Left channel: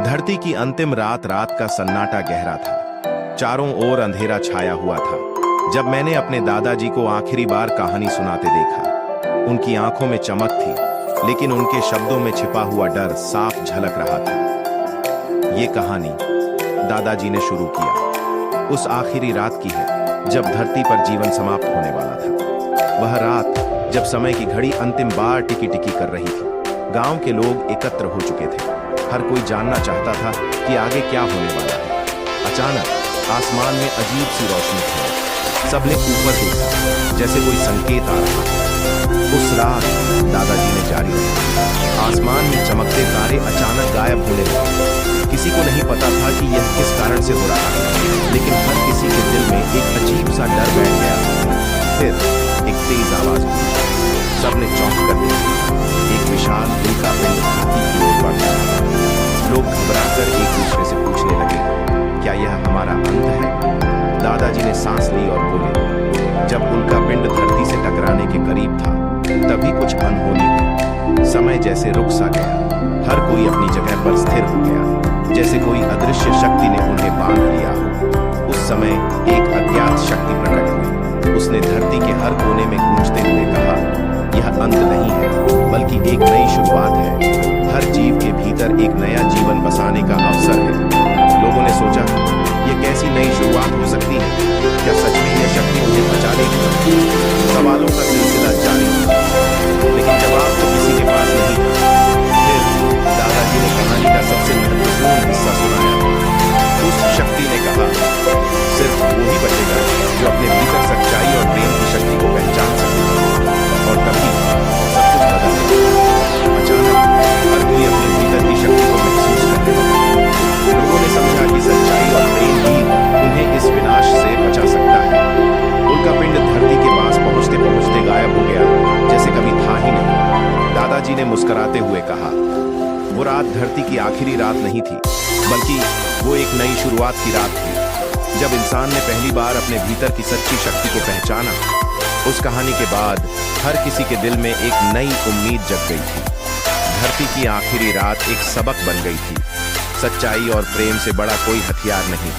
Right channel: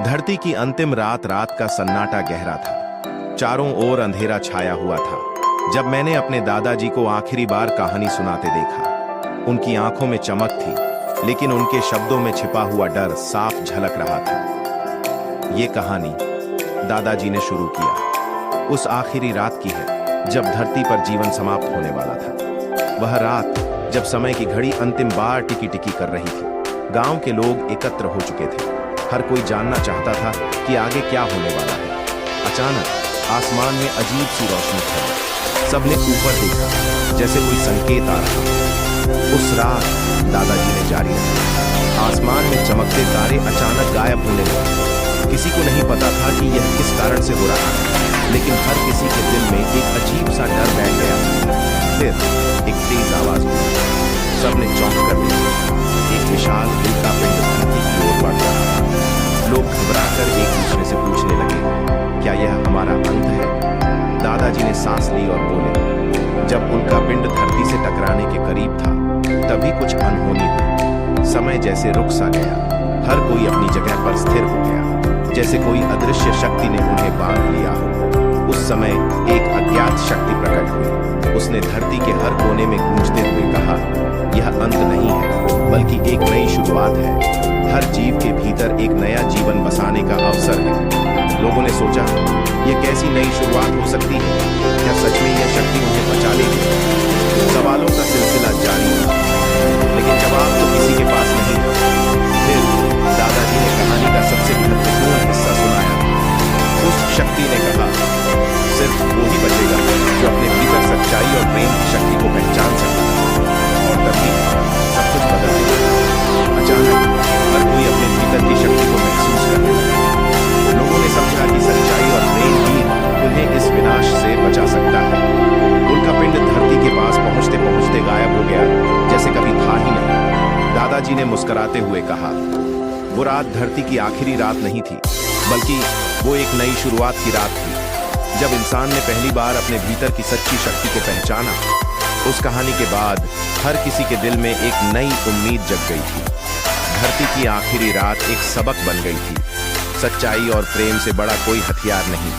धरती की अंतिम रात रात का सन्नाटा गहरा था। चारों ओर अंधेरा छाया हुआ था। जब मैंने अपने दादाजी को आखिरी बार कहानी सुनाते देखा, उनकी आंखों में चमक थी, लेकिन उनके शब्दों में छिपा हुआ डर साफ झलक रहा था। ये कहानी दादाजी ने शुरू किया उस आखिरी रात की है जब धरती पर जीवन समाप्त होने वाला था। वह रात जब समय की घड़ी अंतिम बार टिकी टिकी कर रही थी। गांव के लोग एकत्र हो चुके थे। हर कोई जानना चाहता था कि आगे क्या होने वाला है। अचानक आसमान में अजीब सी रोशनी फैली। सबने ऊपर देखा, जैसे कोई संकेत आ रहा था। उस रात दादाजी ने जारी रखा। आसमान में चमकते तारे अचानक गायब होने लगे। किसी को नहीं पता था कि यह किस कारण से हो रहा है, लेकिन हर किसी के दिल में एक अजीब सा डर बैठ गया था। फिर एक तेज आवाज हुई। सबने चौंक कर देखा। एक विशाल उल्का पिंड धरती की ओर बढ़ रहा था। लोग घबराकर एक दूसरे से पूछने लगे, क्या यह हमारा अंत है? दादाजी ने सांस ली और बोले, जब उल्का पिंड धरती से टकराने के करीब था, तभी कुछ अनहोनी हुई। समय जैसे रुक सा गया। हर कोई अपनी जगह पर स्थिर हो गया, जैसे कोई अदृश्य शक्ति ने उन्हें बांध लिया हो। उस समय एक अज्ञात शक्ति प्रकट हुई। उसने धरती के हर कोने में गूंजते हुए कहा, यह अंत नहीं है, बल्कि एक नई शुरुआत है। हर जीव के भीतर एक नया जीवन बसाने का अवसर है। लोगों ने सोचा, यह कैसी नई शुरुआत हो सकती है? क्या सच में यह शक्ति उन्हें बचा लेगी? सवालों का सिलसिला जारी था, लेकिन जवाब तो किसी के पास नहीं था। फिर दादाजी ने कहानी का सबसे महत्वपूर्ण हिस्सा सुनाया। उस शक्ति ने कहा, सिर्फ वो ही बचेगा जो अपने भीतर सच्चाई और प्रेम की शक्ति को पहचान सकेगा। और तभी सब कुछ बदल गया। अचानक हर कोई अपने भीतर की शक्ति को महसूस करने लगा। लोगों ने समझा कि सच्चाई और प्रेम ही उन्हें इस विनाश से बचा सकता है। उल्का पिंड धरती के पास पहुंचते पहुंचते गायब हो गया, जैसे कभी था ही नहीं। दादाजी ने मुस्कुराते हुए कहा, वो रात धरती की आखिरी रात नहीं थी, बल्कि वो एक नई शुरुआत की रात थी। जब इंसान ने पहली बार अपने भीतर की सच्ची शक्ति को पहचाना, उस कहानी के बाद हर किसी के दिल में एक नई उम्मीद जग गई थी। धरती की आखिरी रात एक सबक बन गई थी। सच्चाई और प्रेम से बड़ा कोई हथियार नहीं।